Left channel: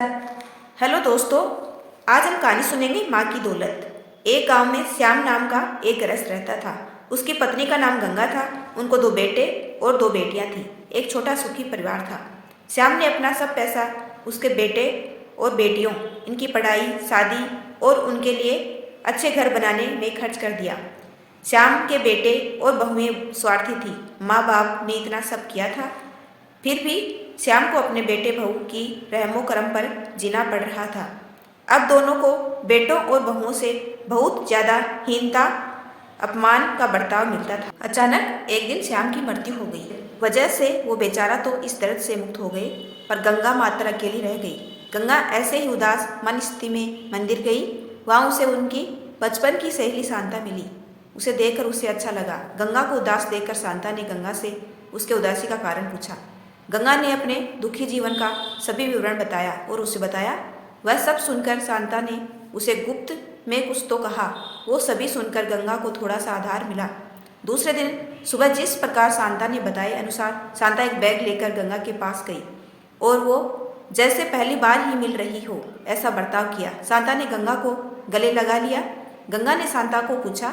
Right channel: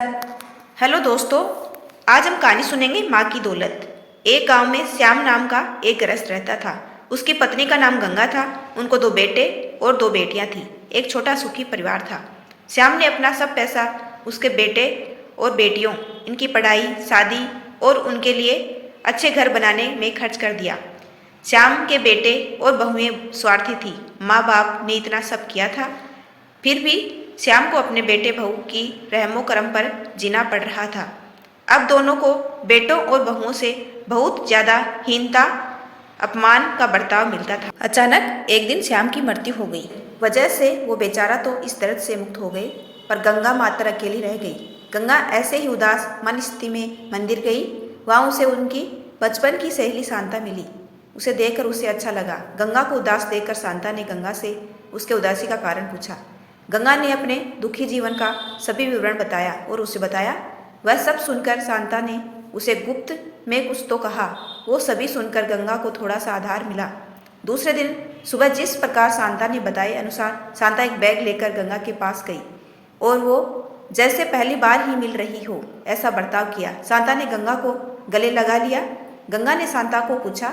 Hello दोस्तों, आज हम कहानी सुनेंगे माँ की दौलत। एक गांव में श्याम नाम का एक गृहस्थ रहता था। उसकी पत्नी का नाम गंगा था। उनको 2 बेटे और 2 बेटियां थी। एक छोटा सुखी परिवार था। श्याम ने अपना सब पैसा उसके बेटे और बेटियों, इनकी पढ़ाई, शादी और उनके लिए अच्छे घर बनाने में खर्च कर दिया। श्याम के बेटे और बहुएं स्वार्थी थी। माँ बाप ने इतना सब किया था, फिर भी श्याम को अपने बेटे बहू की रहमो करम पर जीना पड़ रहा था। अब दोनों को बेटों और बहुओं से बहुत ज़्यादा हीनता, अपमान का बर्ताव मिलता था। अचानक एक दिन श्याम की मृत्यु हो गई। वजह से वो बेचारा तो इस दर्द से मुक्त हो गए, पर गंगा मात्र अकेली रह गई। गंगा ऐसे ही उदास मन स्थिति में मंदिर गई। वहाँ उसे उनकी बचपन की सहेली शांता मिली। उसे देखकर उसे अच्छा लगा। गंगा को उदास देखकर शांता ने गंगा से उसके उदासी का कारण पूछा। गंगा ने अपने दुखी जीवन का सभी विवरण बताया और उसे बताया। वह सब सुनकर शांता ने उसे गुप्त में कुछ तो कहा। वो सभी सुनकर गंगा को थोड़ा सा आधार मिला। दूसरे दिन सुबह जिस प्रकार शांता ने बताए अनुसार शांता एक बैग लेकर गंगा के पास गई और वो जैसे पहली बार ही मिल रही हो ऐसा बर्ताव किया। शांता ने गंगा को गले लगा लिया। गंगा ने शांता को पूछा,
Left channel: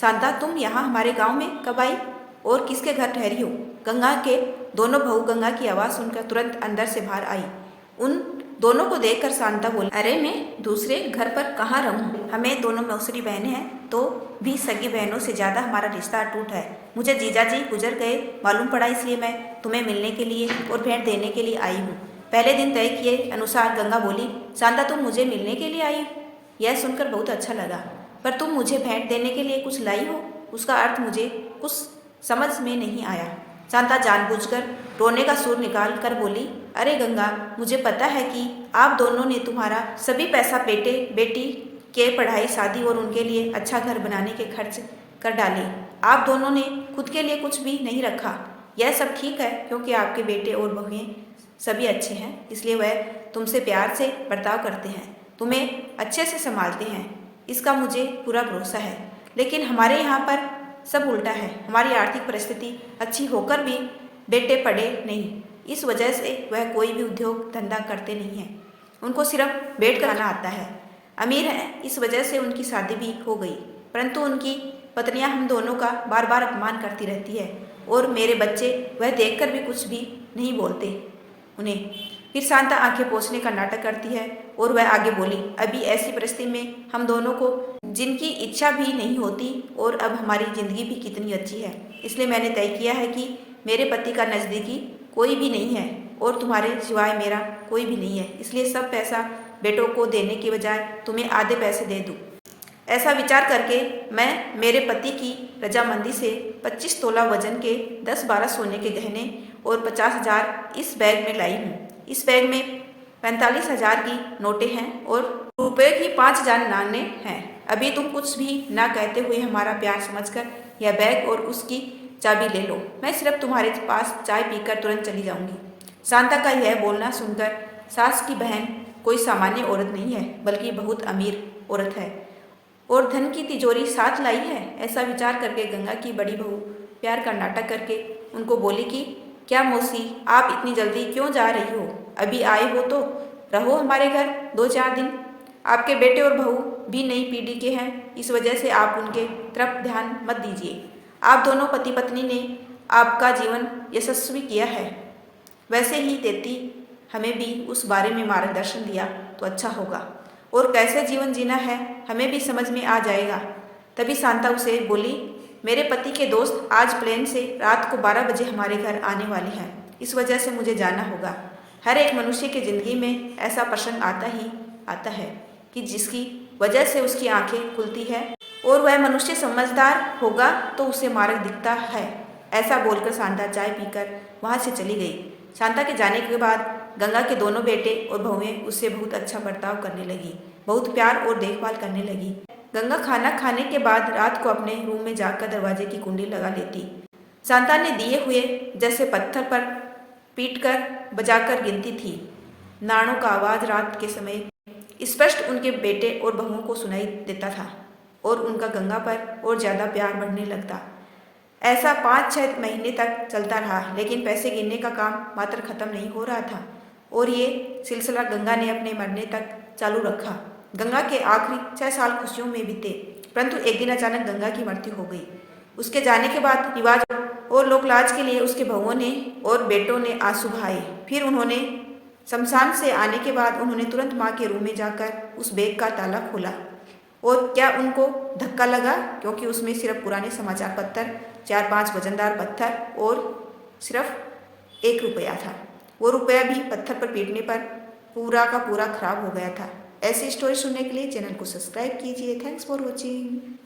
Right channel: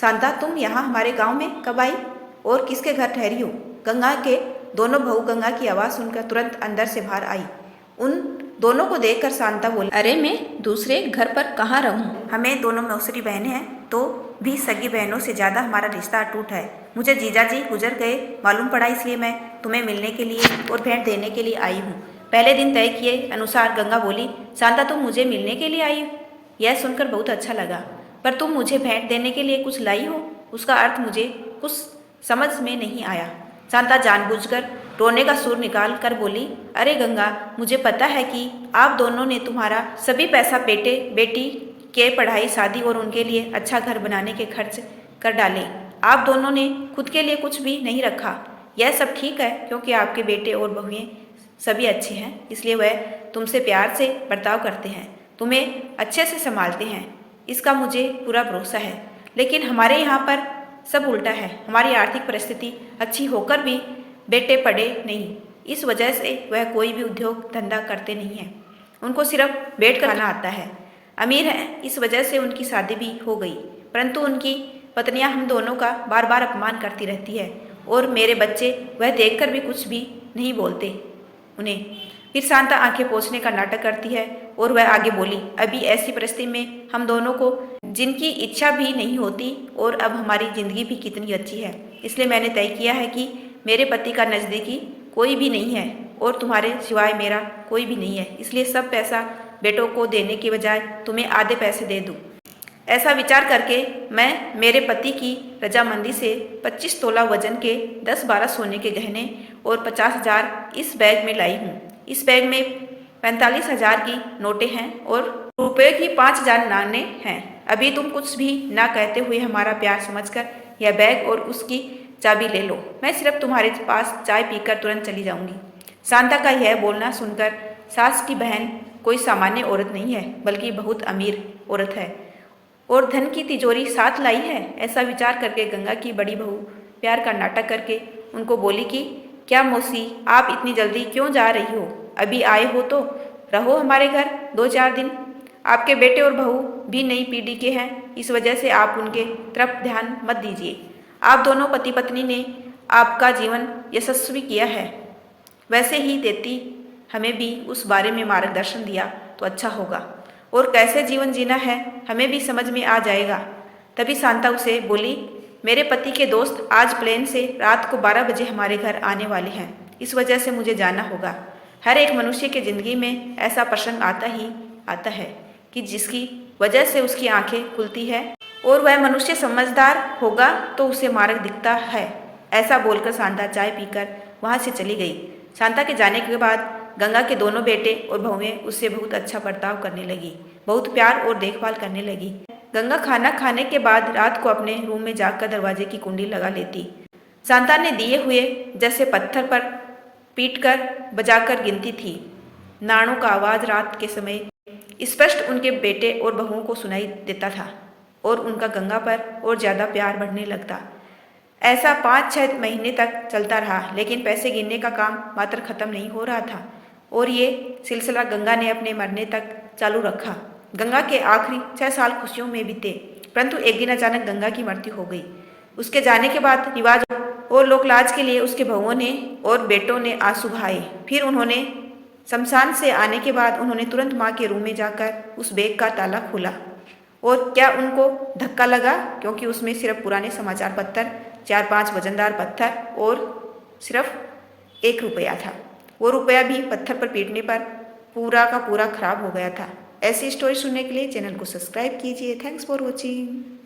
शांता तुम यहाँ हमारे गाँव में कब आई और किसके घर ठहरी हो? गंगा के दोनों बहू गंगा की आवाज़ सुनकर तुरंत अंदर से बाहर आई। उन दोनों को देखकर शांता बोली, अरे मैं दूसरे घर पर कहाँ रहूँ? हमें दोनों मौसरी बहनें हैं, तो भी सगी बहनों से ज़्यादा हमारा रिश्ता अटूट है। मुझे जीजाजी गुजर गए मालूम पड़ा, इसलिए मैं तुम्हें मिलने के लिए और भेंट देने के लिए आई हूँ। पहले दिन तय किए अनुसार गंगा बोली, शांता तुम मुझे मिलने के लिए आई? यह सुनकर बहुत अच्छा लगा, पर तुम मुझे भेंट देने के लिए कुछ लाई हो, उसका अर्थ मुझे कुछ समझ में नहीं आया। शांता जानबूझकर रोने का सुर निकाल कर बोली, अरे गंगा, मुझे पता है कि आप दोनों ने तुम्हारा सभी पैसा बेटे बेटी के पढ़ाई, शादी और उनके लिए अच्छा घर बनाने के खर्च कर डाले। आप दोनों ने खुद के लिए कुछ भी नहीं रखा। यह सब ठीक है, क्योंकि आपके बेटे और बहुएं सभी अच्छे हैं, इसलिए वह तुमसे प्यार से बर्ताव करते हैं, तुम्हें अच्छे से संभालते हैं। इसका मुझे पूरा भरोसा है। लेकिन हमारे यहाँ पर सब उल्टा है। हमारी आर्थिक परिस्थिति अच्छी होकर भी बेटे पढ़े नहीं। इस वजह से वह कोई भी उद्योग धंधा करते नहीं हैं। उनको सिर्फ बैठ कर खाना आता है। अमीर हैं, इस वजह से उनकी शादी भी हो गई, परंतु उनकी पत्नियां हम दोनों का बार बार अपमान करती रहती है और मेरे बच्चे वह देखकर भी कुछ भी नहीं बोलते उन्हें। फिर शांता आंखें पोंछने का नाटक करती है और वह आगे बोली, अभी ऐसी परिस्थिति में हम दोनों को जिनकी इच्छा भी नहीं होती और अब हमारी जिंदगी भी कितनी अच्छी है, इसलिए मैंने तय किया है कि मेरे पति का नज़दीकी कोई भी नहीं है और तुम्हारे सिवाय मेरा कोई भी नहीं है, इसलिए सब पैसा बेटों को देने के बजाय तुम्हें आधे पैसे दे दूँ। ऐसा विचार करके मैं मेरे पति की रजामंदी से 25 तोला वजन के 10-12 सोने के गहने और 50,000 इस बैग में लाई हूँ। इस बैग में 45,000 की नोटें हैं और रुपये की 5,000 नाणे हैं। अभी तुम कुछ भी ना कहते हुए हमारा प्यार समझकर यह बैग और उसकी चाबी ले लो। मैं सिर्फ तुम्हारे पास चाय पीकर तुरंत चली जाऊंगी। शांता का यह बोलना सुनकर सास की बहन कोई सामान्य औरत नहीं है, बल्कि बहुत अमीर औरत है और धन की तिजोरी साथ लाई है। ऐसा विचार करके गंगा की बड़ी बहू प्यार का नाटक करके उनको बोली कि क्या मौसी, आप इतनी जल्दी क्यों जा रही हो? अभी आए हो तो रहो हमारे घर 2-4 दिन। आपके बेटे और बहू भी नई पीढ़ी के हैं, इस वजह से आप उनके तरफ ध्यान मत दीजिए। आप दोनों पति पत्नी ने आपका जीवन यशस्वी किया है, वैसे ही देती हमें भी उस बारे में मार्गदर्शन दिया तो अच्छा होगा, और कैसे जीवन जीना है हमें भी समझ में आ जाएगा। तभी शांता उसे बोली, मेरे पति के दोस्त आज प्लेन से रात को 12 बजे हमारे घर आने वाले हैं, इस वजह से मुझे जाना होगा। हर एक मनुष्य की ज़िंदगी में ऐसा प्रसंग आता है कि जिसकी वजह से उसकी आंखें खुलती है और वह मनुष्य समझदार होगा तो उसे मार्ग दिखता है। ऐसा बोलकर शांता चाय पीकर वहाँ से चली गई। शांता के जाने के बाद गंगा के दोनों बेटे और बहुएं उससे बहुत अच्छा बर्ताव करने लगी, बहुत प्यार और देखभाल करने लगी। गंगा खाना खाने के बाद रात को अपने रूम में जाकर दरवाजे की कुंडी लगा लेती। शांता ने दिए हुए जैसे पत्थर पर पीटकर बजाकर गिनती थी। नाणों का आवाज़ रात के समय स्पष्ट उनके बेटे और बहुओं को सुनाई देता था और उनका गंगा पर और ज़्यादा प्यार बढ़ने लगता। ऐसा 5-6 महीने तक चलता रहा, लेकिन पैसे गिनने का काम मात्र खत्म नहीं हो रहा था। और ये सिलसिला गंगा ने अपने मरने तक चालू रखा। गंगा के आखिरी 6 साल खुशियों में बीते, परंतु एक दिन अचानक गंगा की मृत्यु हो गई। उसके जाने के बाद रिवाज और लोकलाज के लिए उसके बहुओं ने और बेटों ने आंसू बहाए। फिर उन्होंने शमशान से आने के बाद उन्होंने तुरंत माँ के रूम में जाकर उस बैग का ताला खोला। और क्या उनको धक्का लगा, क्योंकि उसमें सिर्फ पुराने समाचार पत्र, 4-5 वजनदार पत्थर और सिर्फ 1 रुपया था। वो रुपया भी पत्थर पर पीटने पर पूरा का पूरा खराब हो गया था। ऐसी स्टोरी सुनने के लिए चैनल को सब्सक्राइब कीजिए। Thanks for watching.